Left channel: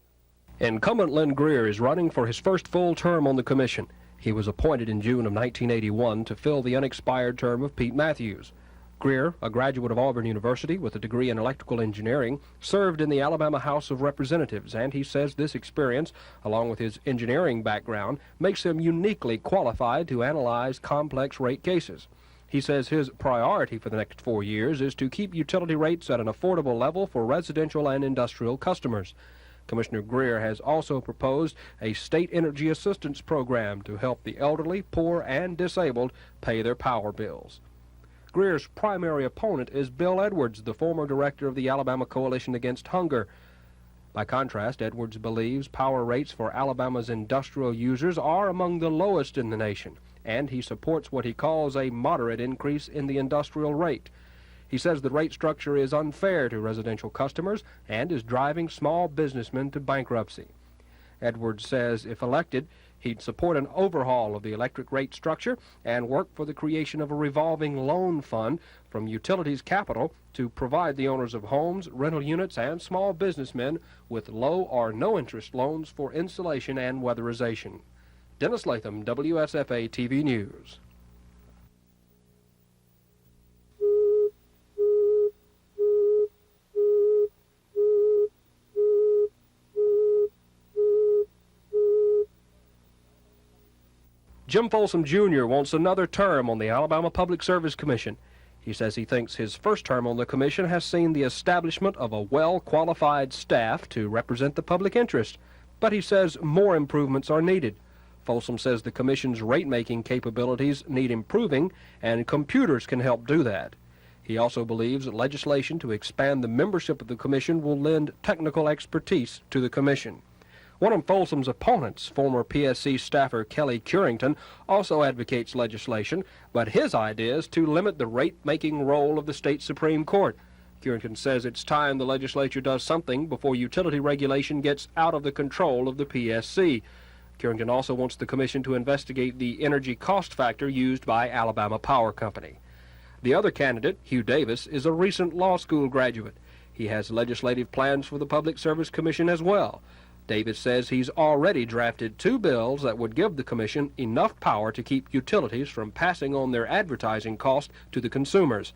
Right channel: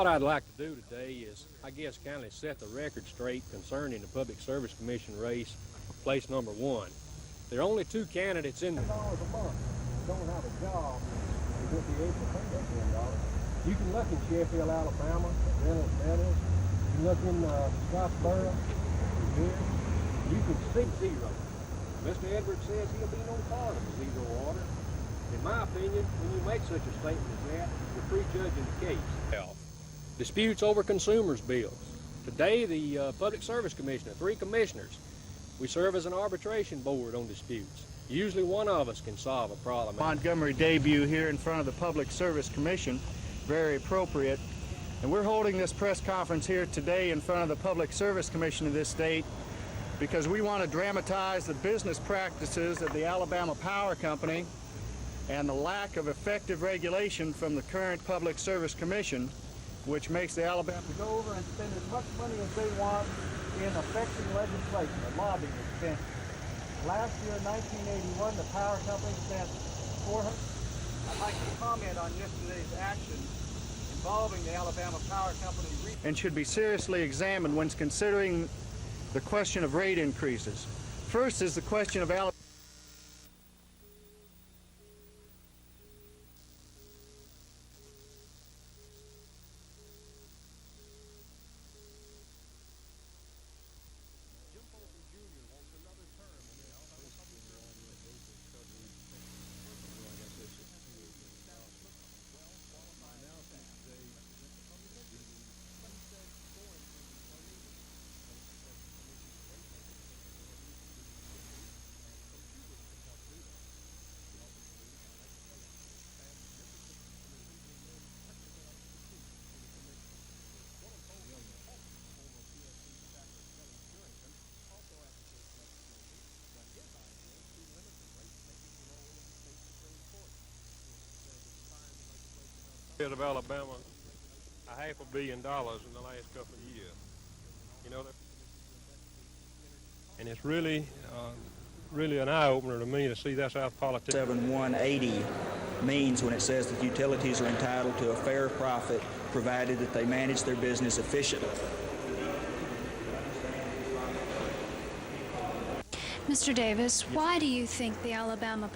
what I'd like. Incumbent Lynn Greer is running for his first full term on the commission. He was appointed in June of 1981 to fill the unexpired term of Pete Matthews. Greer, a graduate of Auburn University with a degree in electrical engineering, served in the Alabama House of Representatives, and he says this experience, along with his engineering background, makes him uniquely qualified to analyze complex rate cases. He says his priority for the next 4 years is to keep utility rates at an affordable level for residential and industrial customers. Commissioner Greer has also proposed a state energy assistance program to help the elderly, poor, and disabled pay their power bills. Greer's primary opponent is Bill Edwards, the former director of the Alabama Coalition Against Hunger. By contrast, Edwards believes power rates for Alabama's industrial users are among the lowest in the nation, and he supports what he calls a moderate increase in the industrial rate. He says the rate structure is unfair to residential customers and is driving small businessmen to bankruptcy. Edwards says if elected, he'd support an overhaul of the electric rate structure and work for the creation of a revolving loan fund from utilities capital to provide the owners of homes, rental units, and small businessmen with low or no interest loans for insulation and weatherization. Dennis Latham, WSFA TV News. First is the question of Alabama. Jim Folsom Jr. wants another term on the Alabama Public Service Commission. He says he thinks his first term on the commission has seen the establishment of a well-qualified staff to represent the public interest, but he says more improvements are needed. Folsom says the commission's rate-making capabilities need improving, and computers can help do that. He also believes that legislation to expand the membership of the commission will lend technical expertise to the commission. One of Folsom's opponents, former PSC staffer Kelly Curington, also advocates legislation, but his idea is to limit the rate-making role of the state Supreme Court. Curington says it's time the legislature does something before utility regulation gets out of the control of the PSC. Curington also wants the commission to investigate the energy cost factor used by Alabama Power Company. The other candidate, Hugh Davis, is a recent law school graduate. He has legislative plans for the Public Service Commission as well. Davis says he's already drafted 2 bills that would give the commission enough power to keep utilities from passing on their advertising costs to the consumers.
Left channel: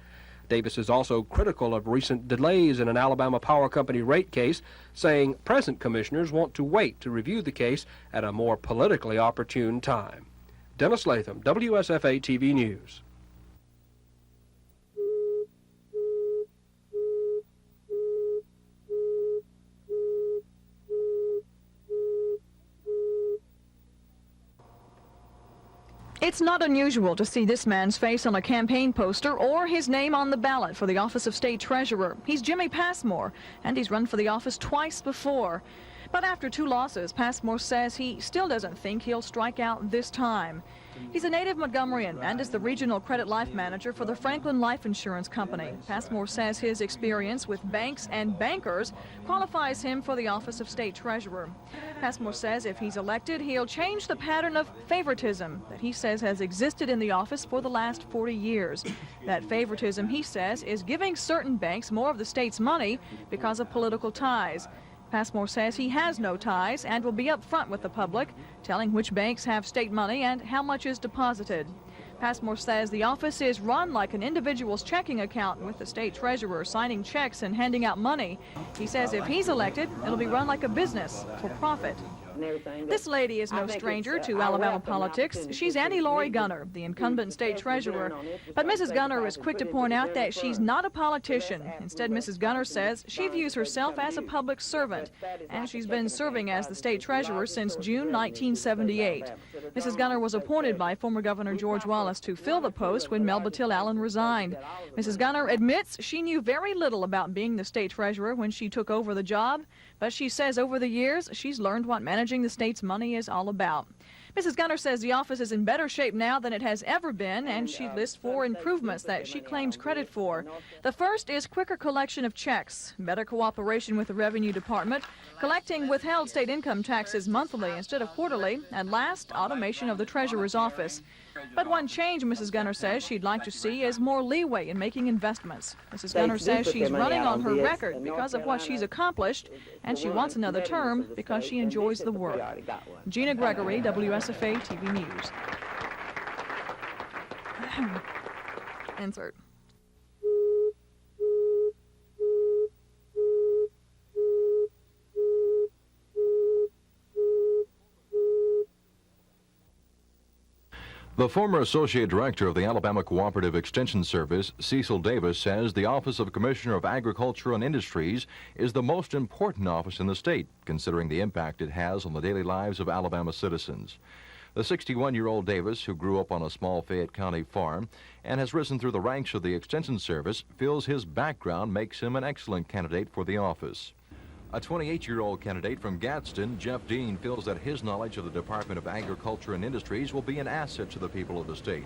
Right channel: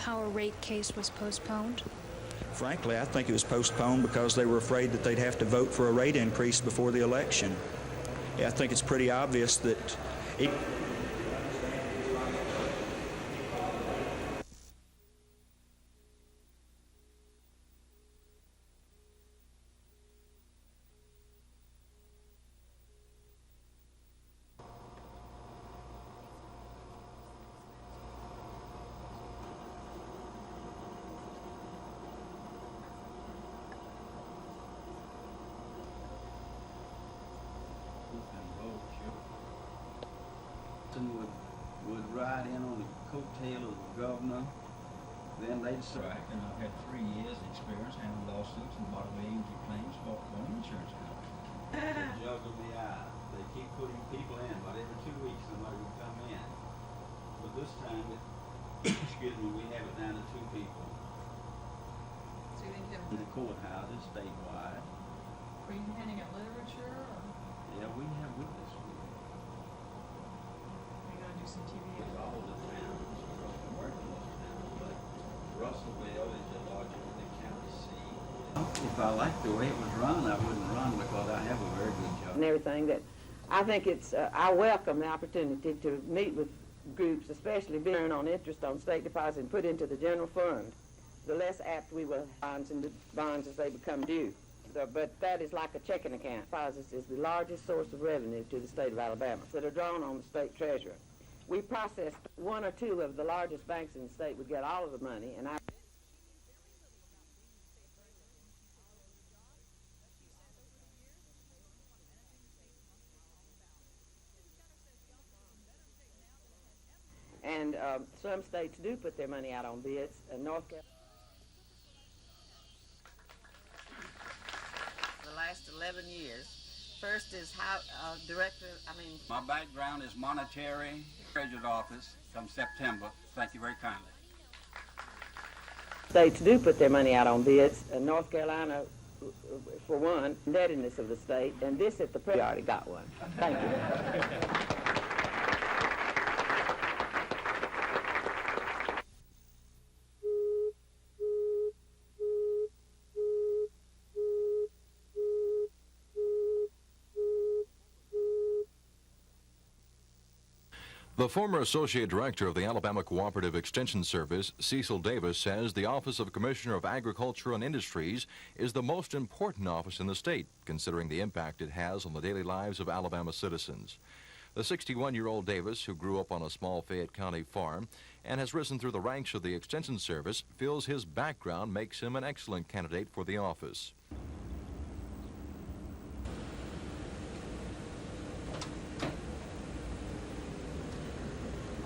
Davis is also critical of recent delays in an Alabama Power Company rate case, saying present commissioners want to wait to review the case at a more politically opportune time. Dennis Latham, WSFA TV News. It's not unusual to see this man's face on a campaign poster or his name on the ballot for the office of state treasurer. He's Jimmy Passmore, and he's run for the office twice before. But after 2 losses, Passmore says he still doesn't think he'll strike out this time. He's a native Montgomeryan and is the regional credit life manager for the Franklin Life Insurance Company. Passmore says his experience with banks and bankers qualifies him for the office of state treasurer. Passmore says if he's elected, he'll change the pattern of favoritism that he says has existed in the office for the last 40 years. That favoritism, he says, is giving certain banks more of the state's money because of political ties. Passmore says he has no ties and will be up front with the public, telling which banks have state money and how much is deposited. Passmore says the office is run like an individual's checking account, with the state treasurer signing checks and handing out money. He says if he's elected, it'll be run like a business for profit. This lady is no stranger to Alabama politics. She's Annie Laurie Gunner, the incumbent state treasurer. But Mrs. Gunner is quick to point out that she's not a politician. Instead, Mrs. Gunner says she views herself as a public servant, and she's been serving as the state treasurer since June 1978. Mrs. Gunner was appointed by former Governor George Wallace to fill the post when Melba Till Allen resigned. Mrs. Gunner admits she knew very little about being the state treasurer when she took over the job, but she says over the years she's learned what managing the state's money is all about. Mrs. Gunner says the office is in better shape now than it has ever been, and she lists 4 improvements that she claims credit for. The first is quicker collection of checks, better cooperation with the Revenue Department, collecting withheld state income taxes monthly instead of quarterly, and last, automation of the Treasurer's office. But one change Mrs. Gunner says she'd like to see is more leeway in making investments. Mrs. States Gunner do says put she's their money running out on on her bids, record and North because of what she's Carolina, accomplished, and for she one, wants another competitiveness term of the because state, she and enjoys this the is work. we already got one. Gina Gregory, WSFA TV News. Insert. The former Associate Director of the Alabama Cooperative Extension Service, Cecil Davis, says the Office of Commissioner of Agriculture and Industries is the most important office in the state, considering the impact it has on the daily lives of Alabama citizens. The 61-year-old Davis, who grew up on a small Fayette County farm and has risen through the ranks of the Extension Service, feels his background makes him an excellent candidate for the office. A 28-year-old candidate from Gadsden, Jeff Dean, feels that his knowledge of the Department of Agriculture and Industries will be an asset to the people of the state.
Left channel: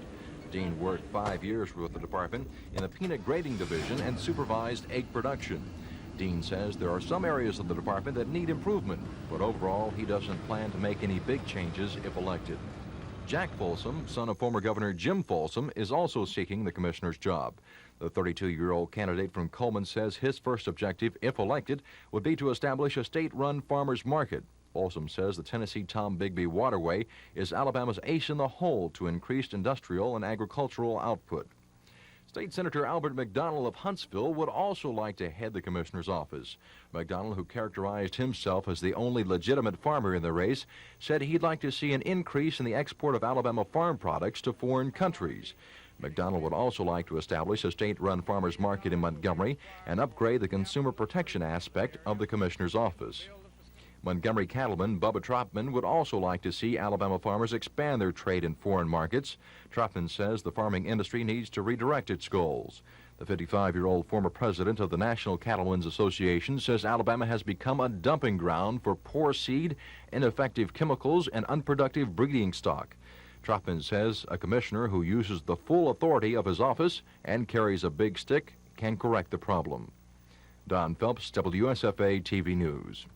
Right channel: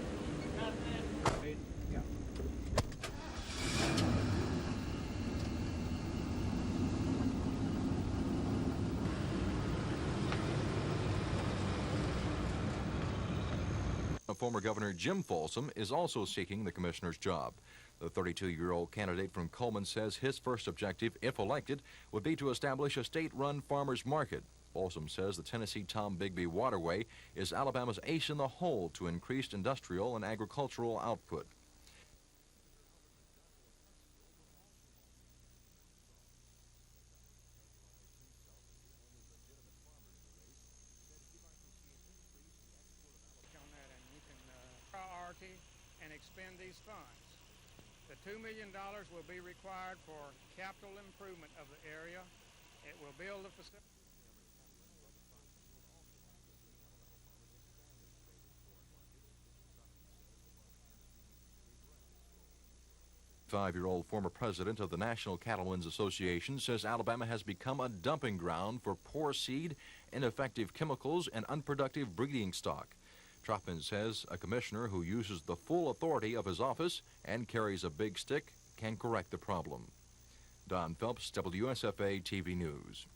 Dean worked 5 years with the department in the peanut grading division and supervised egg production. Dean says there are some areas of the department that need improvement, but overall he doesn't plan to make any big changes if elected. Jack Folsom, son of former Governor Jim Folsom, is also seeking the commissioner's job. The 32-year-old candidate from Coleman says his first objective, if elected, would be to establish a state-run farmers market. Folsom says the Tennessee-Tom Bigby Waterway is Alabama's ace in the hole to increased industrial and agricultural output. State Senator Albert McDonald of Huntsville would also like to head the commissioner's office. McDonald, who characterized himself as the only legitimate farmer in the race, said he'd like to see an increase in the export of Alabama farm products to foreign countries. McDonald would also like to establish a state-run farmers market in Montgomery and upgrade the consumer protection aspect of the commissioner's office. Montgomery cattleman Bubba Tropman would also like to see Alabama farmers expand their trade in foreign markets. Tropman says the farming industry needs to redirect its goals. The 55-year-old former president of the National Cattlemen's Association says Alabama has become a dumping ground for poor seed, ineffective chemicals, and unproductive breeding stock. Tropman says a commissioner who uses the full authority of his office and carries a big stick can correct the problem. Don Phelps, WSFA TV News.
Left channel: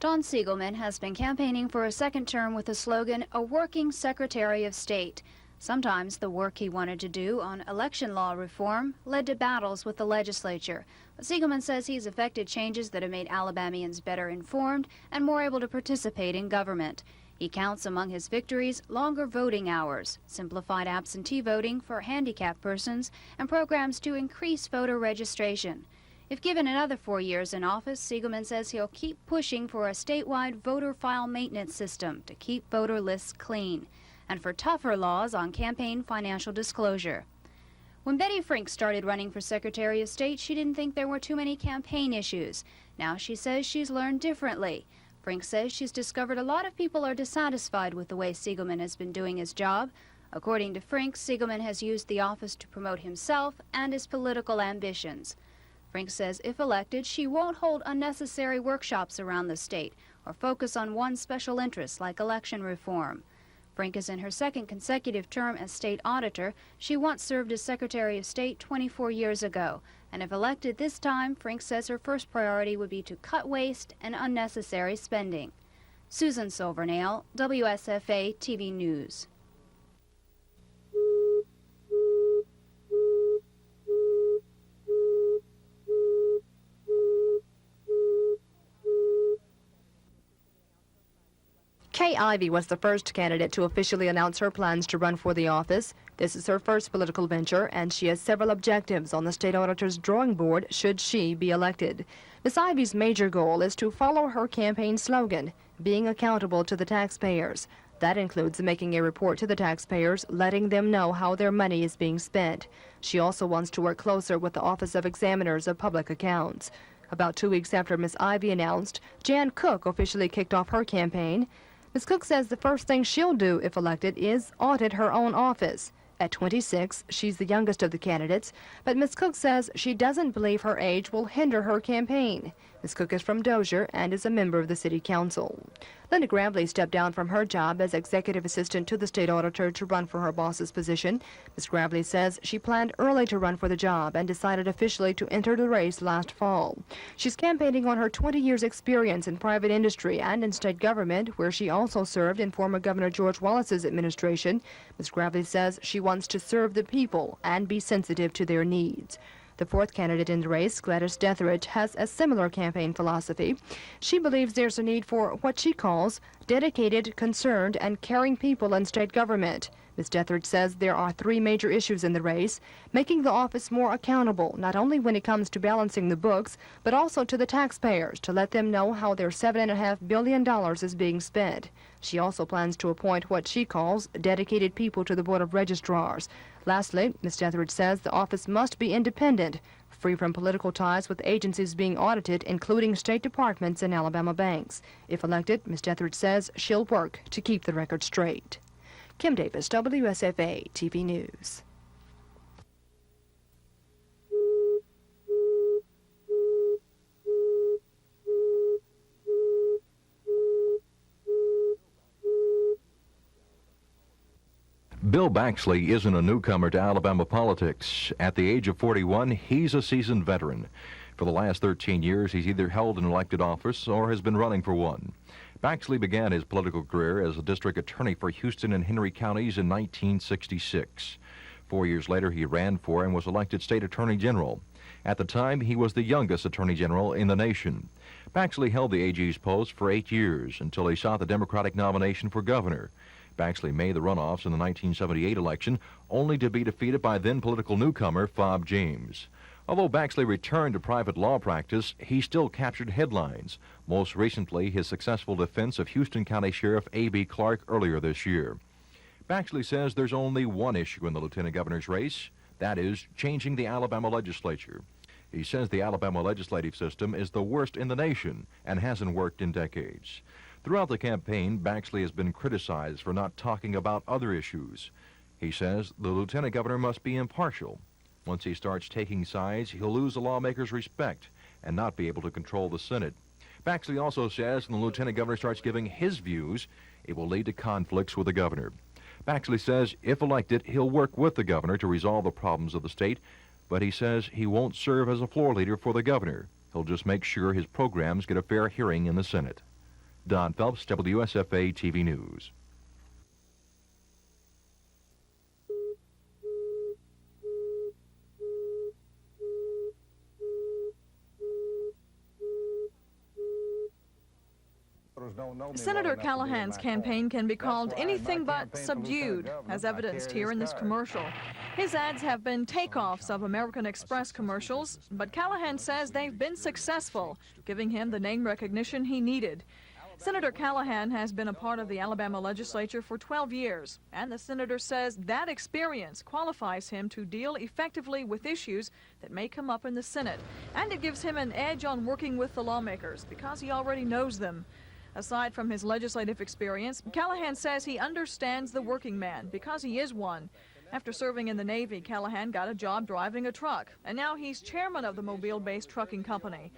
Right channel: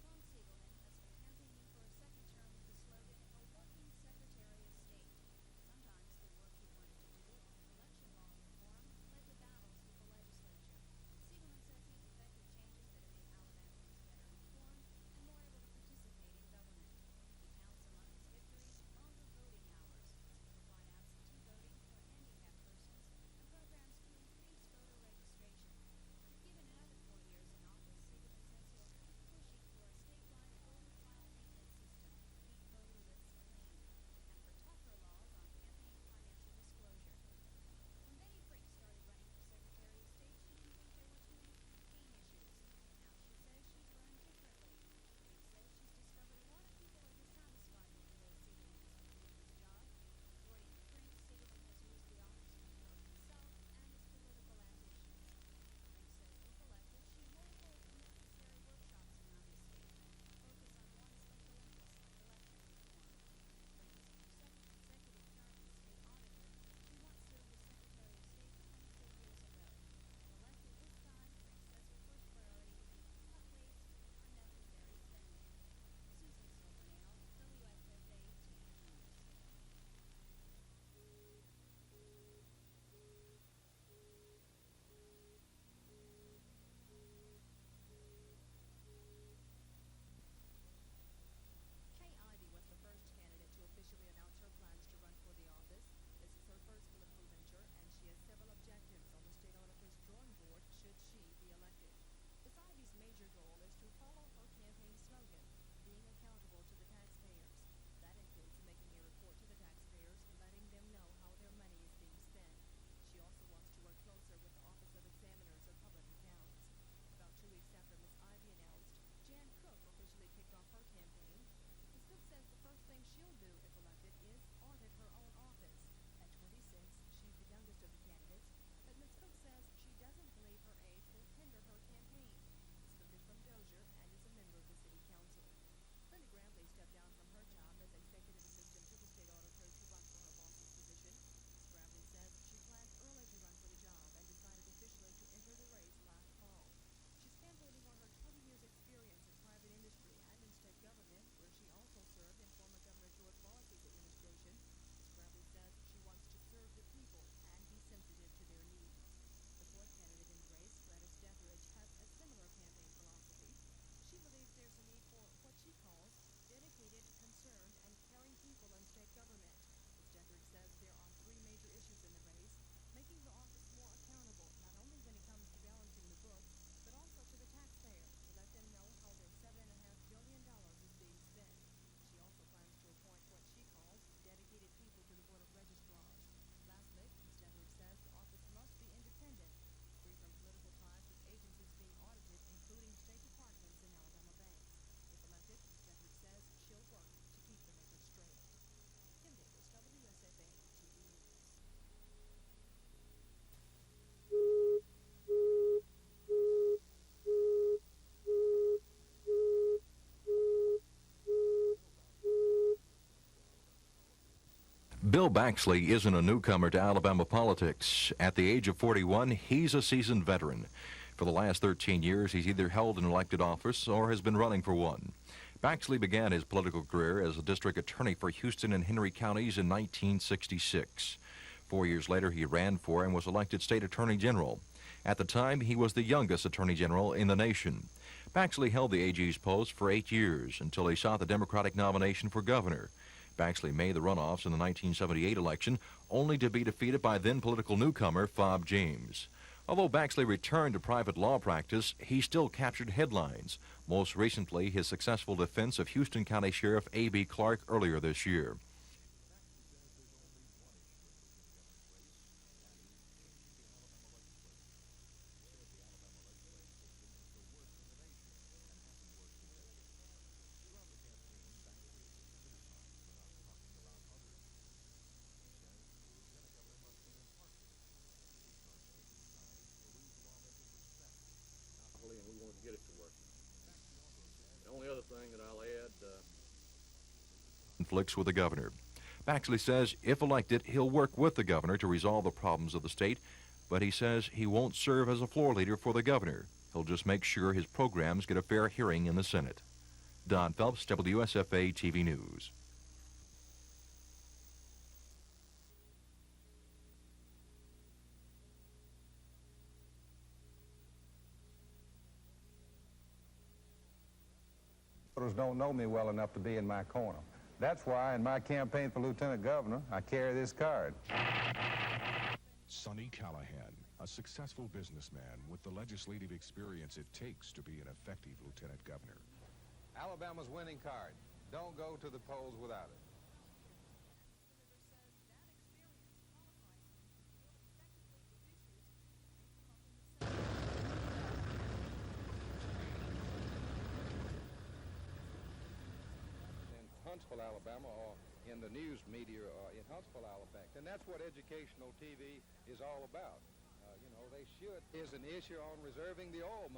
Don Siegelman has been campaigning for a second term with the slogan, "A Working Secretary of State." Sometimes the work he wanted to do on election law reform led to battles with the legislature. But Siegelman says he's effected changes that have made Alabamians better informed and more able to participate in government. He counts among his victories longer voting hours, simplified absentee voting for handicapped persons, and programs to increase voter registration. If given another 4 years in office, Siegelman says he'll keep pushing for a statewide voter file maintenance system to keep voter lists clean, and for tougher laws on campaign financial disclosure. When Betty Frink started running for Secretary of State, she didn't think there were too many campaign issues. Now she says she's learned differently. Frink says she's discovered a lot of people are dissatisfied with the way Siegelman has been doing his job. According to Frink, Siegelman has used the office to promote himself and his political ambitions. Frink says if elected, she won't hold unnecessary workshops around the state or focus on one special interest like election reform. Frink is in her second consecutive term as state auditor. She once served as Secretary of State 24 years ago. And if elected this time, Frink says her first priority would be to cut waste and unnecessary spending. Susan Silvernail, WSFA TV News. Kay Ivey was the first candidate to officially announce her plans to run for the office. This is her first political venture, and she has several objectives on the state auditor's drawing board should she be elected. Ms. Ivey's major goal is to follow her campaign slogan, being accountable to the taxpayers. That includes making a report to the taxpayers, letting them know how their money is being spent. She also wants to work closer with the Office of Examiners of Public Accounts. About 2 weeks after Ms. Ivey announced, Jan Cook officially kicked off her campaign. Ms. Cook says the first thing she'll do if elected is audit her own office. At 26, she's the youngest of the candidates, but Ms. Cook says she doesn't believe her age will hinder her campaign. Ms. Cook is from Dozier and is a member of the City Council. Linda Gravely stepped down from her job as executive assistant to the state auditor to run for her boss's position. Ms. Gravely says she planned early to run for the job and decided officially to enter the race last fall. She's campaigning on her 20 years experience in private industry and in state government, where she also served in former Governor George Wallace's administration. Ms. Gravely says she wants to serve the people and be sensitive to their needs. The fourth candidate in the race, Gladys Detheridge, has a similar campaign philosophy. She believes there's a need for what she calls dedicated, concerned, and caring people in state government. Ms. Detheridge says there are three major issues in the race: making the office more accountable, not only when it comes to balancing the books, but also to the taxpayers, to let them know how their $7.5 billion is being spent. She also plans to appoint what she calls dedicated people to the Board of Registrars. Lastly, Ms. Detheridge says the office must be independent, free from political ties with agencies being audited, including state departments and Alabama banks. If elected, Ms. Detheridge says she'll work to keep the record straight. Kim Davis, WSFA TV News. Bill Baxley isn't a newcomer to Alabama politics. At the age of 41, he's a seasoned veteran. For the last 13 years, he's either held an elected office or has been running for one. Baxley began his political career as a district attorney for Houston and Henry counties in 1966. 4 years later, he ran for and was elected state attorney general. At the time, he was the youngest attorney general in the nation. Baxley held the AG's post for 8 years until he sought the Democratic nomination for governor. Baxley made the runoffs in the 1978 election, only to be defeated by then political newcomer Fob James. Although Baxley returned to private law practice, he still captured headlines, most recently his successful defense of Houston County Sheriff A.B. Clark earlier this year. Baxley says there's only one issue in the lieutenant governor's race, that is, changing the Alabama legislature. He says the Alabama legislative system is the worst in the nation and hasn't worked in decades. Throughout the campaign, Baxley has been criticized for not talking about other issues. He says the lieutenant governor must be impartial. Once he starts taking sides, he'll lose the lawmakers' respect and not be able to control the Senate. Baxley also says when the lieutenant governor starts giving his views, it will lead to conflicts with the governor. Baxley says if elected, he'll work with the governor to resolve the problems of the state, but he says he won't serve as a floor leader for the governor. He'll just make sure his programs get a fair hearing in the Senate. Don Phelps, WSFA TV News. Senator Callahan's campaign can be called anything but subdued, as evidenced here in this commercial. His ads have been takeoffs of American Express commercials, but Callahan says they've been successful, giving him the name recognition he needed. Senator Callahan has been a part of the Alabama legislature for 12 years, and the senator says that experience qualifies him to deal effectively with issues that may come up in the Senate, and it gives him an edge on working with the lawmakers because he already knows them. Aside from his legislative experience, Callahan says he understands the working man because he is one. After serving in the Navy, Callahan got a job driving a truck, and now he's chairman of the Mobile-based trucking company.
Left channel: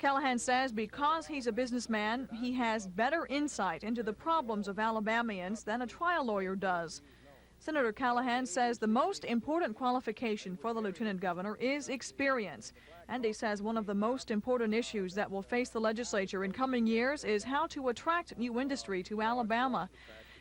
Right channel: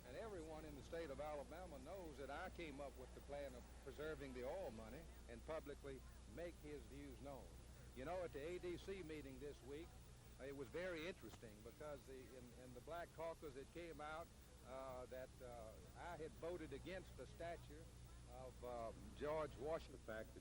Callahan says because he's a businessman, he has better insight into the problems of Alabamians than a trial lawyer does. Senator Callahan says the most important qualification for the lieutenant governor is experience, and he says one of the most important issues that will face the legislature in coming years is how to attract new industry to Alabama.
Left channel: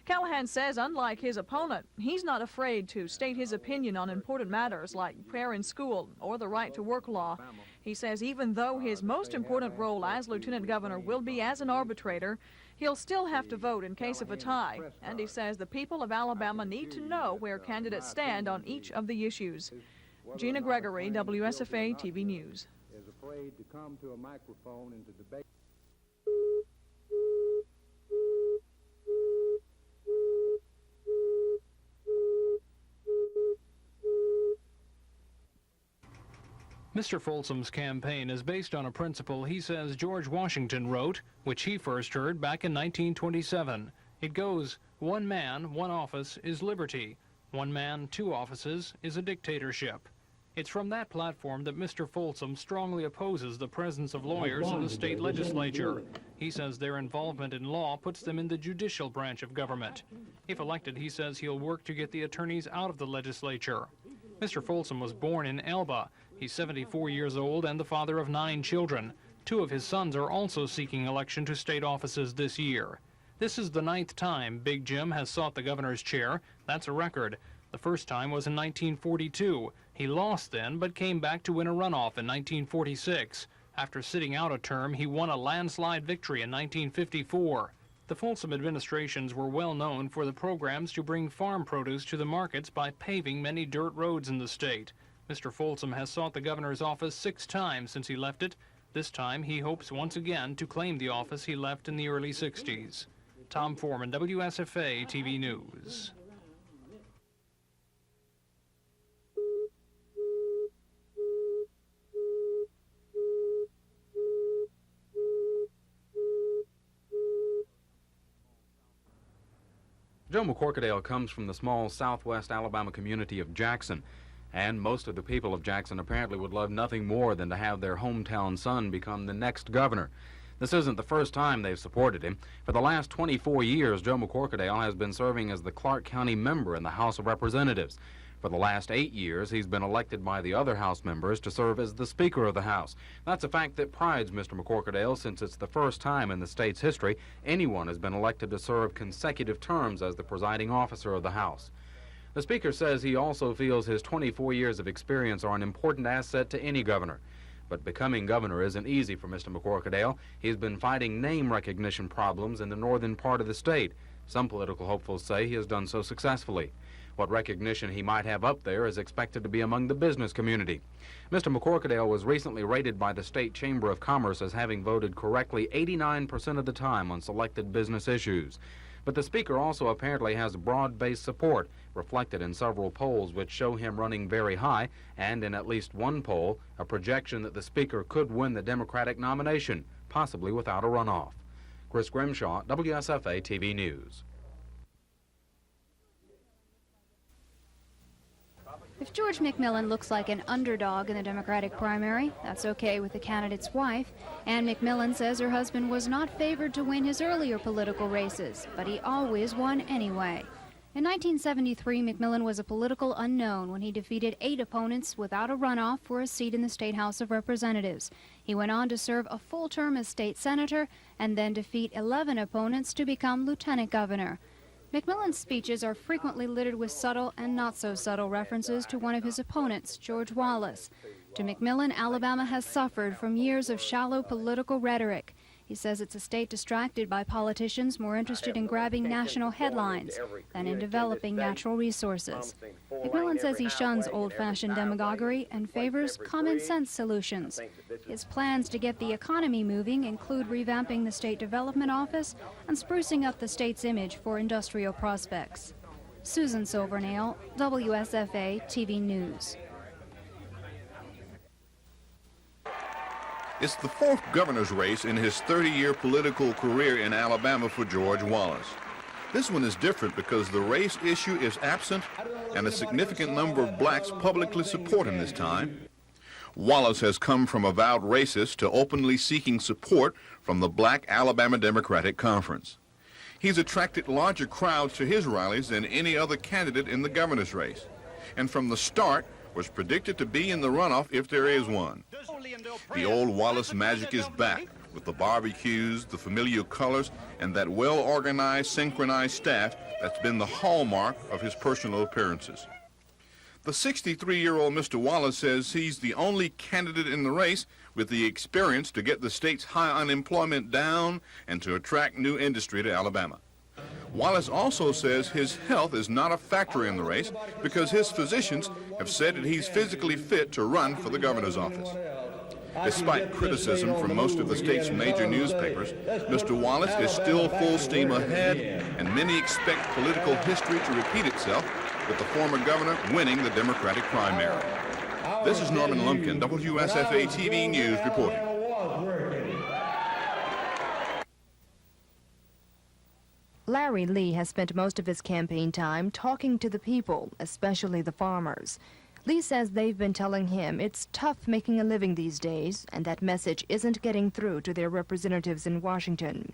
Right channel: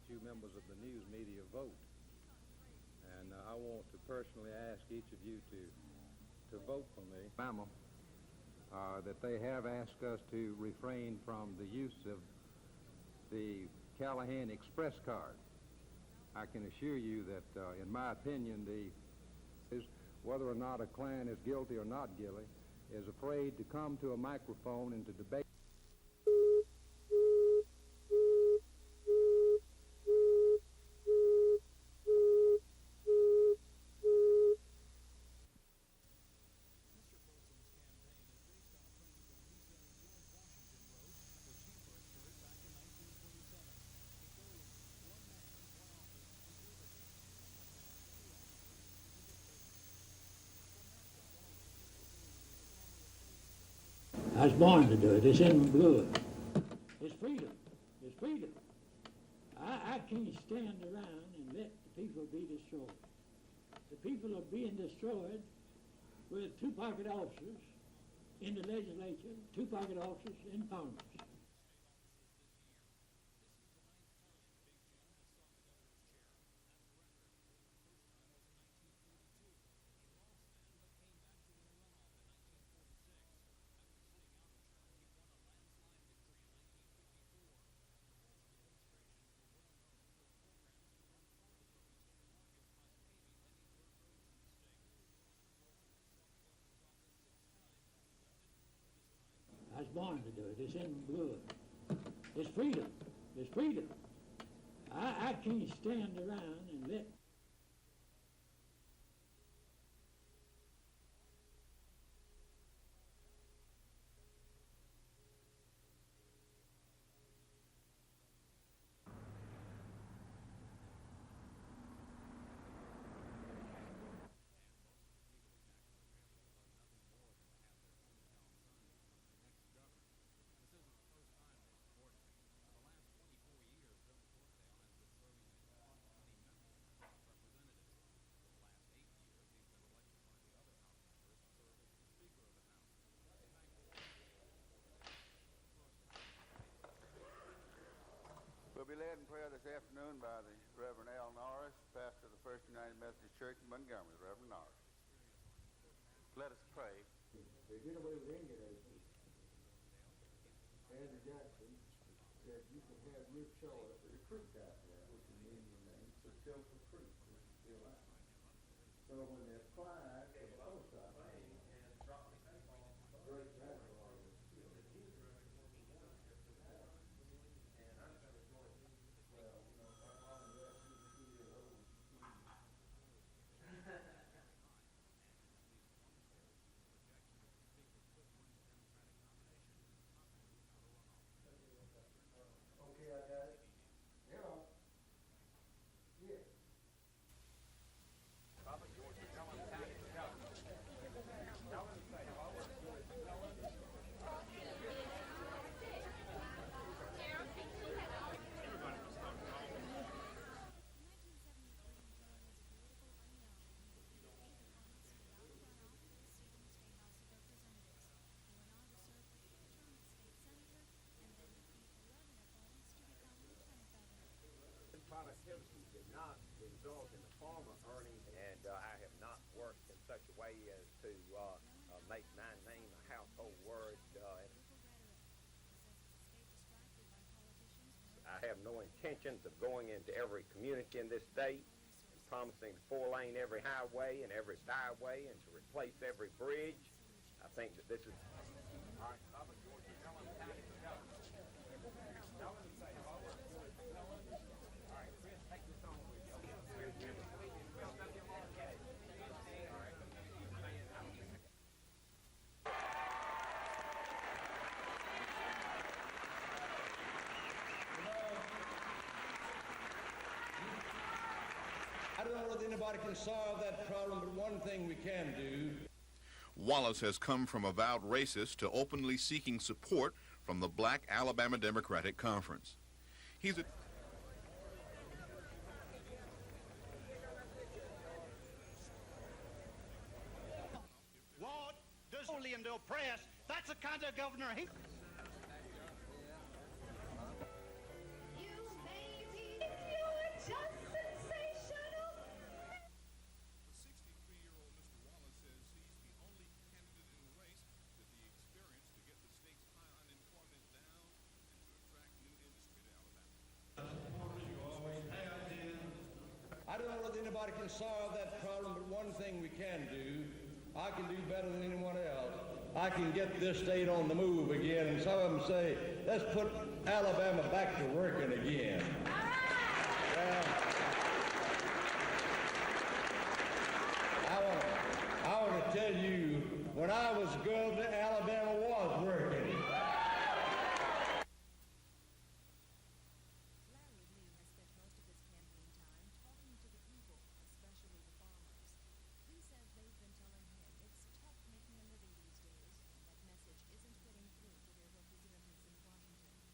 Callahan says, unlike his opponent, he's not afraid to state his opinion on important matters like prayer in school or the right to work law. He says even though his most important role as lieutenant governor will be as an arbitrator, he'll still have to vote in case of a tie, and he says the people of Alabama need to know where candidates stand on each of the issues. Gina Gregory, WSFA TV News. Is afraid to come to a microphone and to debate. Mr. Folsom's campaign is based on a principle he says George Washington wrote, which he first heard back in 1927. It goes, one man, one office is liberty. One man, two offices is a dictatorship. It's from that platform that Mr. Folsom strongly opposes the presence of lawyers in the state legislature. He says their involvement in law puts them in the judicial branch of government. If elected, he says he'll work to get the attorneys out of the legislature. Mr. Folsom was born in Elba. He's 74 years old and the father of 9 children. 2 of his sons are also seeking election to state offices this year. This is the 9th time Big Jim has sought the governor's chair. That's a record. The first time was in 1942. He lost then, but came back to win a runoff in 1946. After sitting out a term, he won a landslide victory in 1954. The Folsom administrations were well known for the programs to bring farm produce to the markets by paving many dirt roads in the state. Mr. Folsom has sought the governor's office 6 times since he left it. This time, he hopes once again to claim the office he left in the early 60s. Tom Foreman, WSFA TV News. Joe McCorkadale comes from the small southwest Alabama community of Jackson, and most of the people of Jackson apparently would love nothing more than to have their hometown son become the next governor. This isn't the first time they've supported him. For the last 24 years, Joe McCorkadale has been serving as the Clark County member in the House of Representatives. For the last 8 years, he's been elected by the other House members to serve as the Speaker of the House. That's a fact that prides Mr. McCorkadale, since it's the first time in the state's history anyone has been elected to serve consecutive terms as the presiding officer of the House. The Speaker says he also feels his 24 years of experience are an important asset to any governor. But becoming governor isn't easy for Mr. McCorkadale. He's been fighting name recognition problems in the northern part of the state. Some political hopefuls say he has done so successfully. What recognition he might have up there is expected to be among the business community. Mr. McCorkadale was recently rated by the State Chamber of Commerce as having voted correctly 89% of the time on selected business issues. But the Speaker also apparently has broad-based support, reflected in several polls which show him running very high, and in at least one poll, a projection that the Speaker could win the Democratic nomination, possibly without a runoff. Chris Grimshaw, WSFA TV News. If George McMillan looks like an underdog in the Democratic primary, that's okay with the candidate's wife. Ann McMillan says her husband was not favored to win his earlier political races, but he always won anyway. In 1973, McMillan was a political unknown when he defeated 8 opponents without a runoff for a seat in the State House of Representatives. He went on to serve a full term as state senator and then defeat 11 opponents to become lieutenant governor. McMillan's speeches are frequently littered with subtle and not-so-subtle references to one of his opponents, George Wallace. To McMillan, Alabama has suffered from years of shallow political rhetoric. He says it's a state distracted by politicians more interested in grabbing national headlines than in developing natural resources. McMillan says he shuns old-fashioned demagoguery and favors common-sense solutions. His plans to get the economy moving include revamping the State Development Office and sprucing up the state's image for industrial prospects. Susan Silvernail, WSFA TV News. It's the 4th governor's race in his 30-year political career in Alabama for George Wallace. This one is different because the race issue is absent and a significant number of blacks publicly support him this time. Wallace has come from avowed racist to openly seeking support from the Black Alabama Democratic Conference. He's attracted larger crowds to his rallies than any other candidate in the governor's race, and from the start was predicted to be in the runoff if there is one. The old Wallace magic is back, with the barbecues, the familiar colors, and that well-organized, synchronized staff that's been the hallmark of his personal appearances. The 63-year-old Mr. Wallace says he's the only candidate in the race with the experience to get the state's high unemployment down and to attract new industry to Alabama. Wallace also says his health is not a factor in the race because his physicians have said that he's physically fit to run for the governor's office. Despite criticism from most of the state's major newspapers, Mr. Wallace is still full steam ahead, and many expect political history to repeat itself with the former governor winning the Democratic primary. This is Norman Lumpkin, WSFA TV News reporting. Larry Lee has spent most of his campaign time talking to the people, especially the farmers. Lee says they've been telling him it's tough making a living these days, and that message isn't getting through to their representatives in Washington.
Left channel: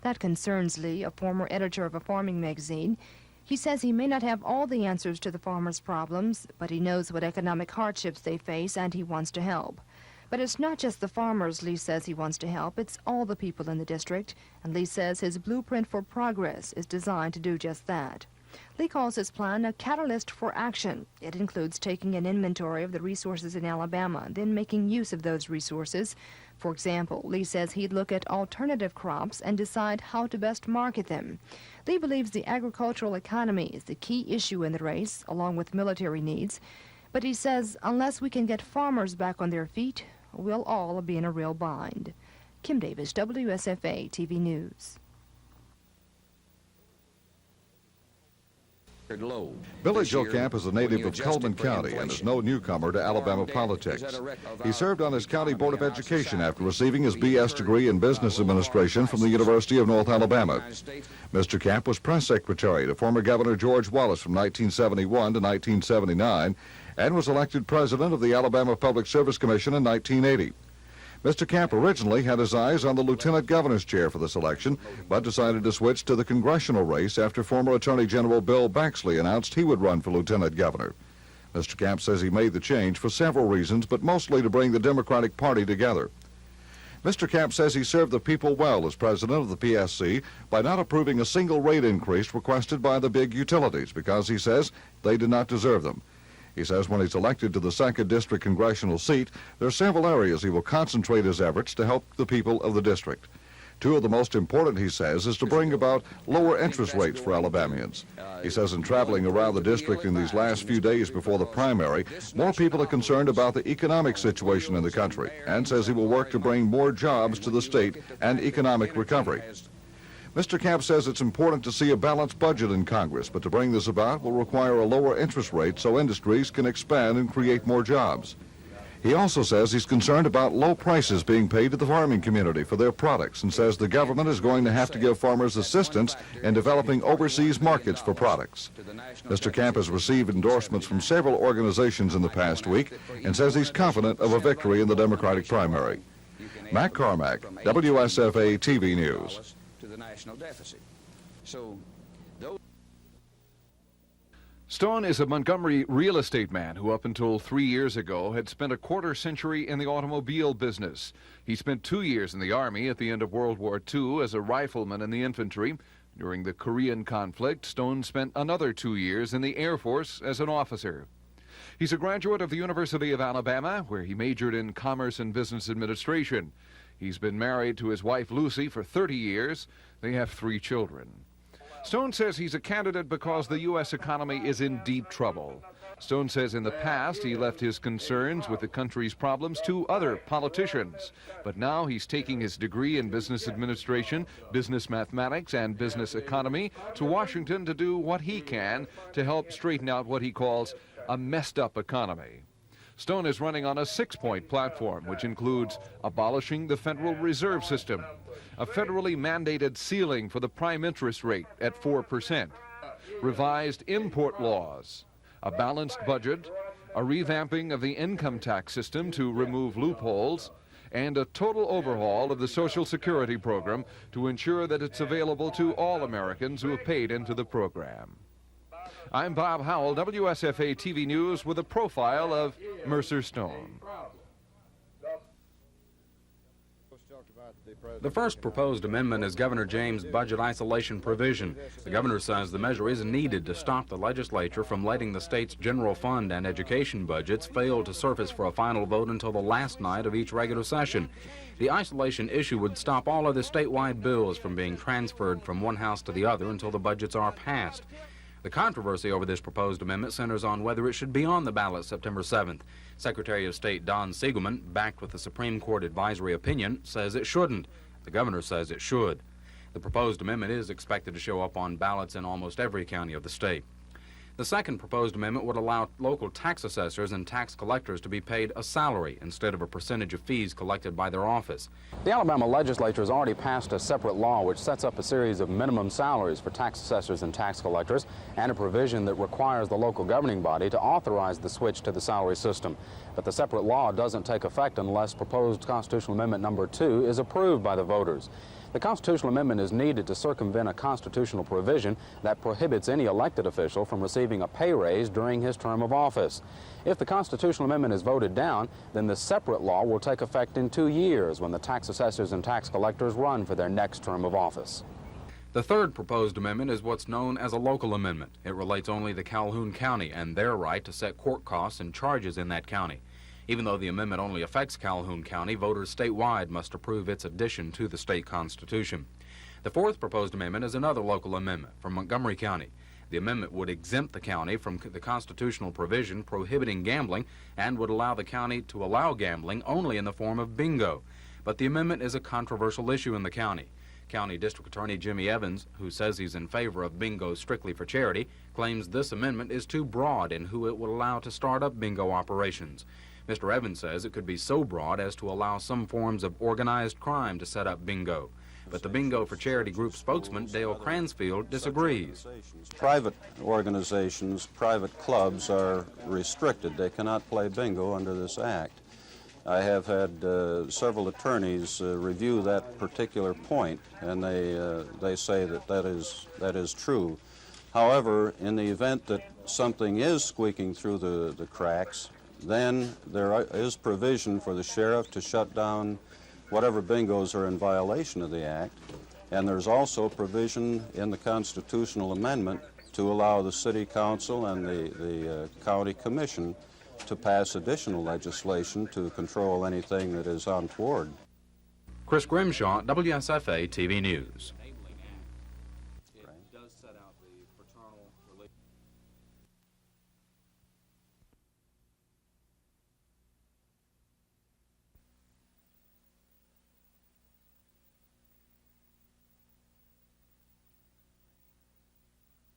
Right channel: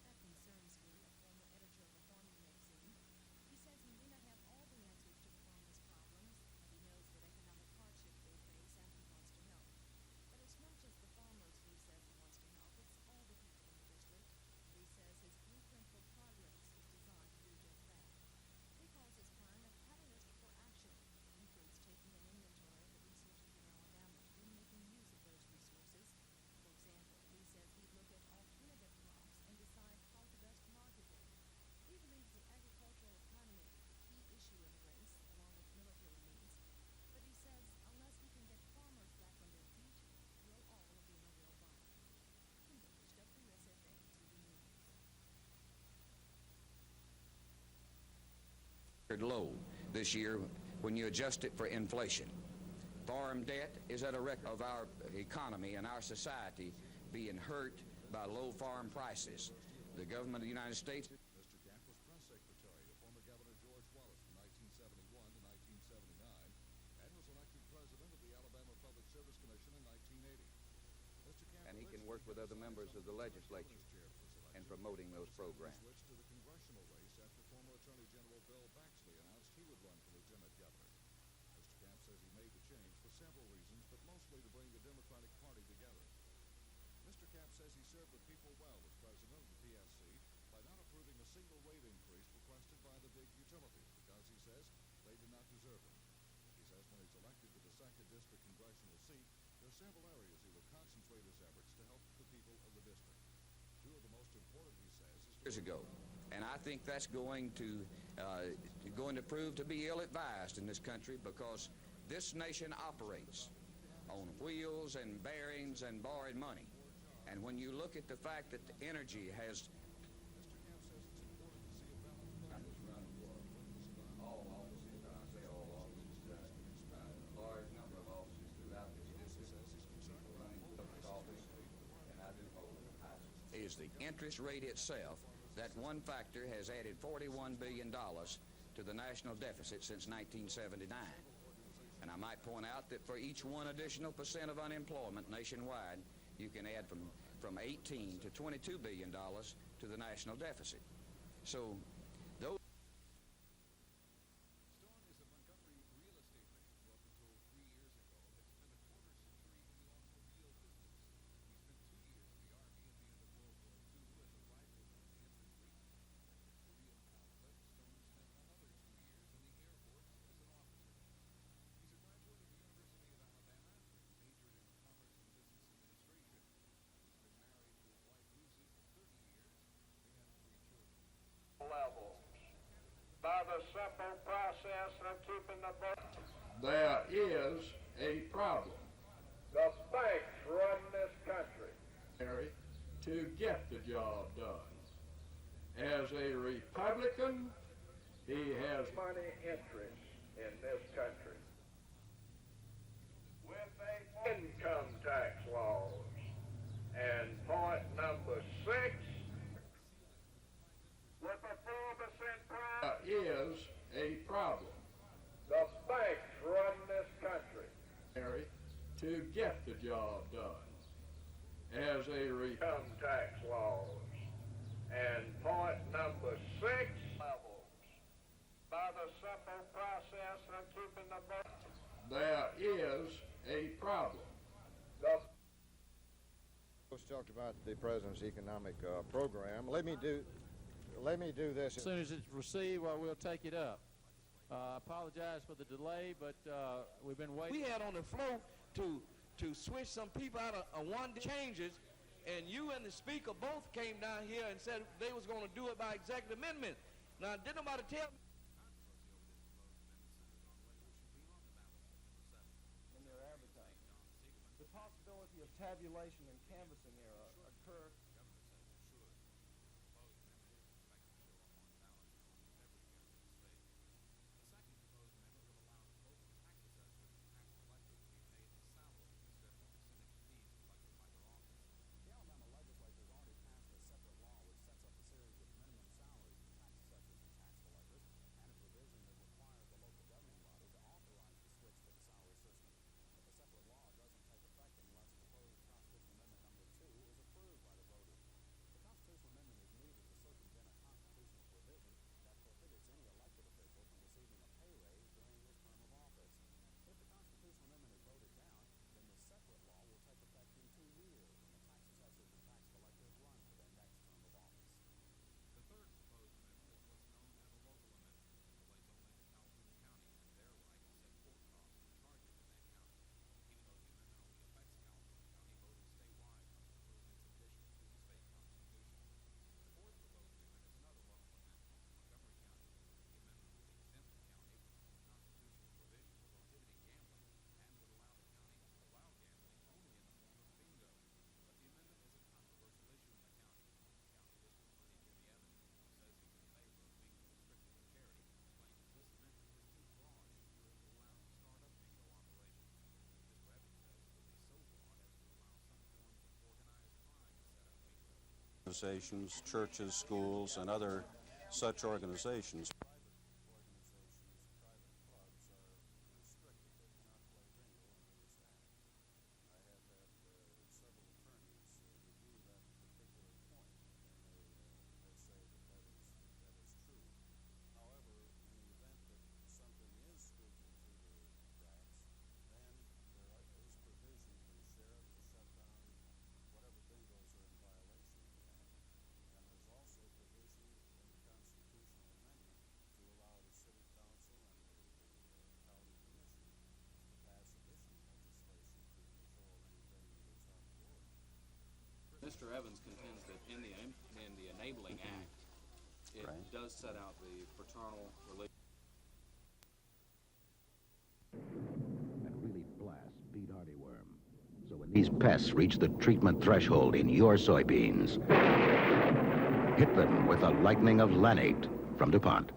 That concerns Lee, a former editor of a farming magazine. He says he may not have all the answers to the farmers' problems, but he knows what economic hardships they face, and he wants to help. But it's not just the farmers Lee says he wants to help, it's all the people in the district, and Lee says his blueprint for progress is designed to do just that. Lee calls his plan a catalyst for action. It includes taking an inventory of the resources in Alabama, then making use of those resources. For example, Lee says he'd look at alternative crops and decide how to best market them. Lee believes the agricultural economy is the key issue in the race, along with military needs. But he says unless we can get farmers back on their feet, we'll all be in a real bind. Kim Davis, WSFA TV News. Billy Joe Camp is a native of Coleman County and is no newcomer to Alabama politics. He served on his county board of education after receiving his B.S. degree in business administration from the University of North Alabama. Mr. Camp was press secretary to former Governor George Wallace from 1971 to 1979 and was elected president of the Alabama Public Service Commission in 1980. Mr. Camp originally had his eyes on the lieutenant governor's chair for this election, but decided to switch to the congressional race after former Attorney General Bill Baxley announced he would run for lieutenant governor. Mr. Camp says he made the change for several reasons, but mostly to bring the Democratic Party together. Mr. Camp says he served the people well as president of the PSC by not approving a single rate increase requested by the big utilities because he says they did not deserve them. He says when he's elected to the 2nd District congressional seat, there are several areas he will concentrate his efforts to help the people of the district. Two of the most important, he says, is to bring about lower interest rates for Alabamians. He says in traveling around the district in these last few days before the primary, more people are concerned about the economic situation in the country, and says he will work to bring more jobs to the state and economic recovery. Mr. Camp says it's important to see a balanced budget in Congress, but to bring this about will require a lower interest rate so industries can expand and create more jobs. He also says he's concerned about low prices being paid to the farming community for their products and says the government is going to have to give farmers assistance in developing overseas markets for products. Mr. Camp has received endorsements from several organizations in the past week and says he's confident of a victory in the Democratic primary. Matt Carmack, WSFA TV News. To the national deficit. Stone is a Montgomery real estate man who up until 3 years ago had spent a quarter century in the automobile business. He spent 2 years in the Army at the end of World War II as a rifleman in the infantry. During the Korean conflict, Stone spent another 2 years in the Air Force as an officer. He's a graduate of the University of Alabama, where he majored in Commerce and Business Administration. He's been married to his wife Lucy for 30 years. They have 3 children. Stone says he's a candidate because the U.S. economy is in deep trouble. Stone says in the past he left his concerns with the country's problems to other politicians. But now he's taking his degree in business administration, business mathematics, and business economy to Washington to do what he can to help straighten out what he calls a messed up economy. Stone is running on a 6-point platform, which includes abolishing the Federal Reserve System, a federally mandated ceiling for the prime interest rate at 4%, revised import laws, a balanced budget, a revamping of the income tax system to remove loopholes, and a total overhaul of the Social Security program to ensure that it's available to all Americans who have paid into the program. I'm Bob Howell, WSFA TV News, with a profile of Mercer Stone. The first proposed amendment is Governor James' budget isolation provision. The governor says the measure is needed to stop the legislature from letting the state's general fund and education budgets fail to surface for a final vote until the last night of each regular session. The isolation issue would stop all other statewide bills from being transferred from one house to the other until the budgets are passed. The controversy over this proposed amendment centers on whether it should be on the ballot September 7th. Secretary of State Don Siegelman, backed with the Supreme Court advisory opinion, says it shouldn't. The governor says it should. The proposed amendment is expected to show up on ballots in almost every county of the state. The second proposed amendment would allow local tax assessors and tax collectors to be paid a salary instead of a percentage of fees collected by their office. The Alabama legislature has already passed a separate law which sets up a series of minimum salaries for tax assessors and tax collectors, and a provision that requires the local governing body to authorize the switch to the salary system. But the separate law doesn't take effect unless proposed Constitutional Amendment number 2 is approved by the voters. The constitutional amendment is needed to circumvent a constitutional provision that prohibits any elected official from receiving a pay raise during his term of office. If the constitutional amendment is voted down, then the separate law will take effect in 2 years when the tax assessors and tax collectors run for their next term of office. The third proposed amendment is what's known as a local amendment. It relates only to Calhoun County and their right to set court costs and charges in that county. Even though the amendment only affects Calhoun County, voters statewide must approve its addition to the state constitution. The fourth proposed amendment is another local amendment from Montgomery County. The amendment would exempt the county from the constitutional provision prohibiting gambling and would allow the county to allow gambling only in the form of bingo. But the amendment is a controversial issue in the county. County District Attorney Jimmy Evans, who says he's in favor of bingo strictly for charity, claims this amendment is too broad in who it would allow to start up bingo operations. Mr. Evans says it could be so broad as to allow some forms of organized crime to set up bingo. But the Bingo for Charity Group spokesman, Dale Cransfield, disagrees. Private organizations, private clubs are restricted. They cannot play bingo under this act. I have had several attorneys review that particular point, and they say that that is true. However, in the event that something is squeaking through the cracks, then there is provision for the sheriff to shut down whatever bingos are in violation of the act, and there's also provision in the constitutional amendment to allow the city council and the county commission to pass additional legislation to control anything that is untoward. Chris Grimshaw, WSFA TV News. It does set out the fraternal religion. These pests reach the treatment threshold in your soybeans. Hit them with a lightning of Lanate from DuPont.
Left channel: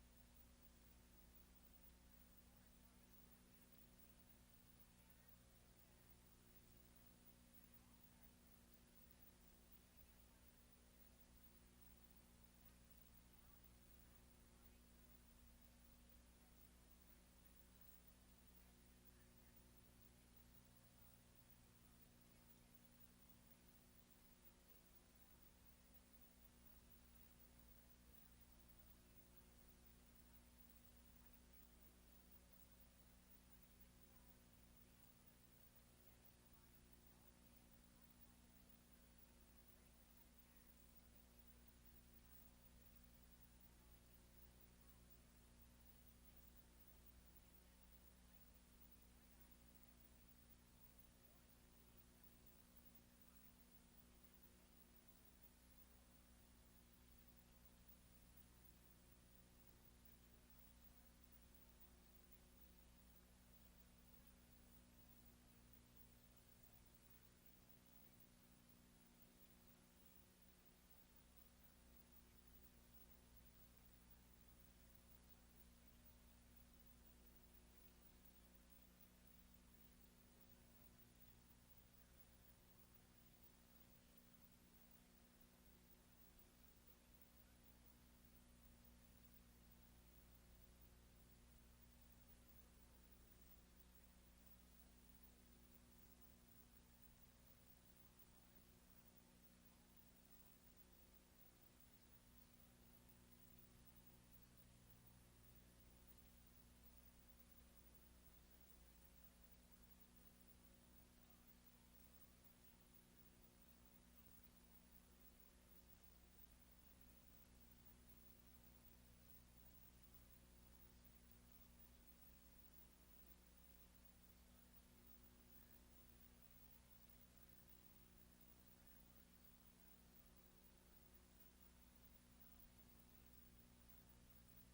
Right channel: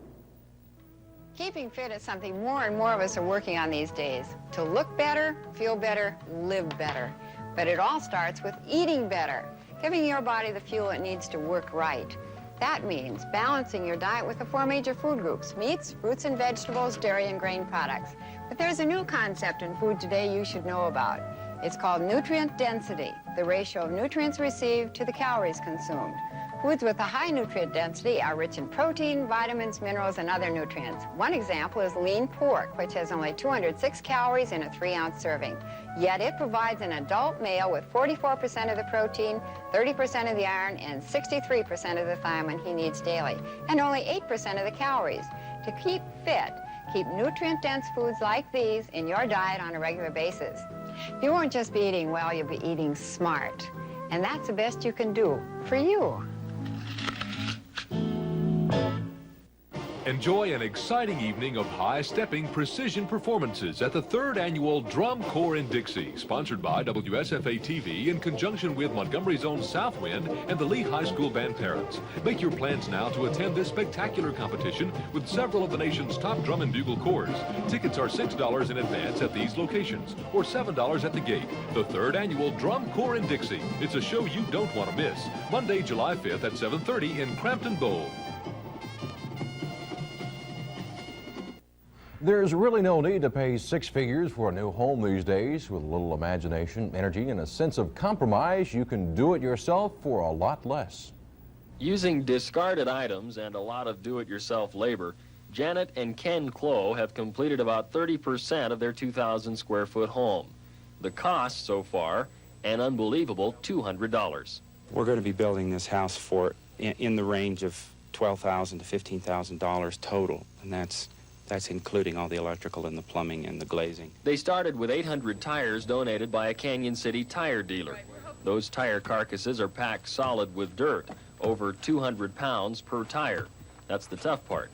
Keeping fit is something more and more of us are working on these days. To look better, feel better, live better. But it all starts with eating better, giving your body the fuel it needs to work right. That means balancing your diet with the 4 major food groups: meats, fruits and vegetables, dairy and grain products. But there's a new concept in food today you should know about. It's called nutrient density, the ratio of nutrients received to the calories consumed. Foods with a high nutrient density are rich in protein, vitamins, minerals, and other nutrients. One example is lean pork, which has only 206 calories in a 3-ounce serving. Yet it provides an adult male with 44% of the protein, 30% of the iron, and 63% of the thiamine he needs daily, and only 8% of the calories. To keep fit, keep nutrient-dense foods like these in your diet on a regular basis. You won't just be eating well, you'll be eating smart. And that's the best you can do for you. Enjoy an exciting evening of high-stepping precision performances at the 3rd Annual Drum Corps in Dixie, sponsored by WSFA TV in conjunction with Montgomery's own Southwind and the Lee High School Band Parents. Make your plans now to attend this spectacular competition with several of the nation's top drum and bugle corps. Tickets are $6 in advance at these locations, or $7 at the gate. The 3rd Annual Drum Corps in Dixie. It's a show you don't want to miss. Monday, July 5th at 7:30 in Crampton Bowl. There's really no need to pay 6 figures for a new home these days. With a little imagination, energy, and a sense of compromise, you can do it yourself for a lot less. Using discarded items and a lot of do-it-yourself labor, Janet and Ken Clough have completed about 30% of their 2,000 square foot home. The cost so far, an unbelievable $200. We're going to be building this house for in the range of $12,000 to $15,000 total, and that's including all the electrical and the plumbing and the glazing. They started with 800 tires donated by a Canyon City tire dealer. Those tire carcasses are packed solid with dirt, over 200 pounds per tire. That's the tough part.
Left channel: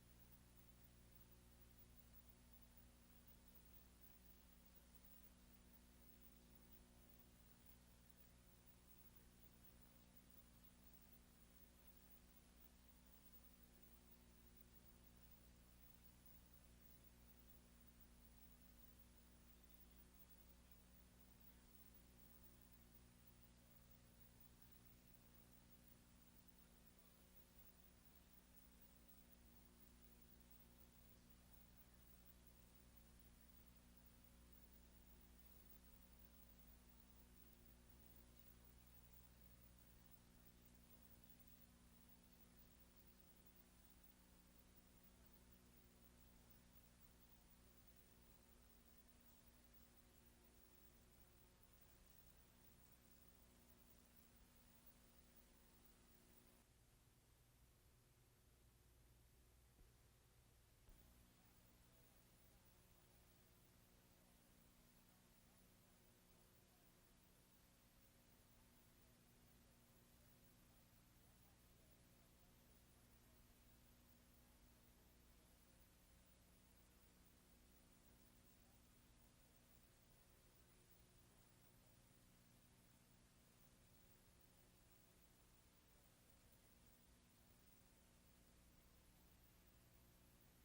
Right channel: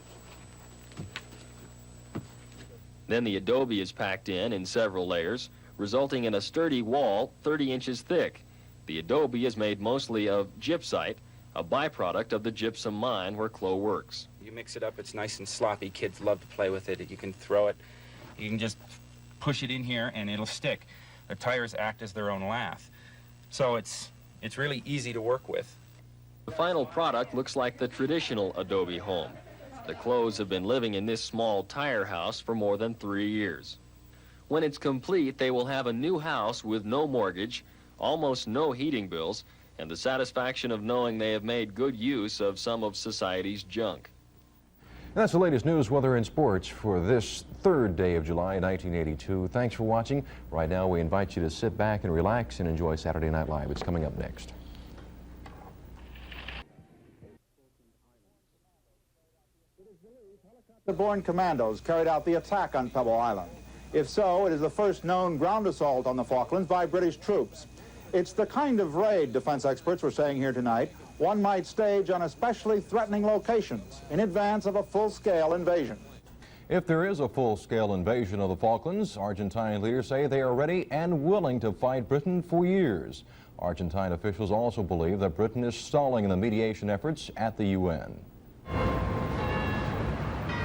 Then the adobe is packed in several layers, resulting in a sturdy wall 30 inches thick. The adobe is made mostly of gypsite, a byproduct of the gypsum mine where Clough works. You mix it up, it's nice and sloppy. Kids love to play with it. You can throw it, you can just push it in here and it'll stick. The tires act as their own lath. So it's really easy to work with. The final product looks like the traditional adobe home. The Cloughs have been living in this small tire house for more than 3 years. When it's complete, they will have a new house with no mortgage, almost no heating bills, and the satisfaction of knowing they have made good use of some of society's junk. That's the latest news, weather, and sports for this third day of July 1982. Thanks for watching. Right now, we invite you to sit back and relax and enjoy Saturday Night Live. It's coming up next. The born commandos carried out the attack on Pebble Island. If so, it is the first known ground assault on the Falklands by British troops. It's the kind of raid, defense experts were saying here tonight, one might stage on especially threatening locations in advance of a full-scale invasion. If there is a full-scale invasion of the Falklands, Argentine leaders say they are ready and willing to fight Britain for years. Argentine officials also believe that Britain is stalling in the mediation efforts at the UN.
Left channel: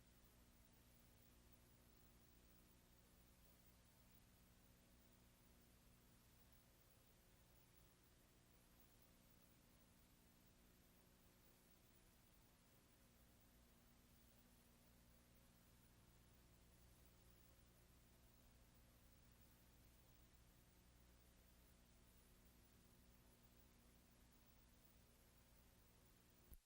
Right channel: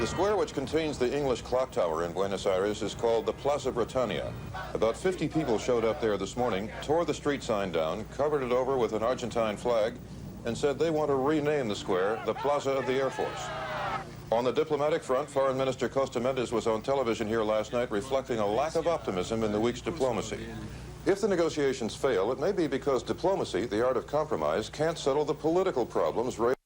The square which contains the English clock tower in Buenos Aires is called the Plaza Britannia. About 50 people showed up there this morning, tore the street sign down, covered it over with an Argentine flag, and said they want to rename the square the Plaza of the Air Force. On the diplomatic front, Foreign Minister Costa Mendes was on television here last night reflecting a lack of optimism in the week's diplomacy. If the negotiations fail, it may be because diplomacy, the art of compromise, can't settle the political problems raised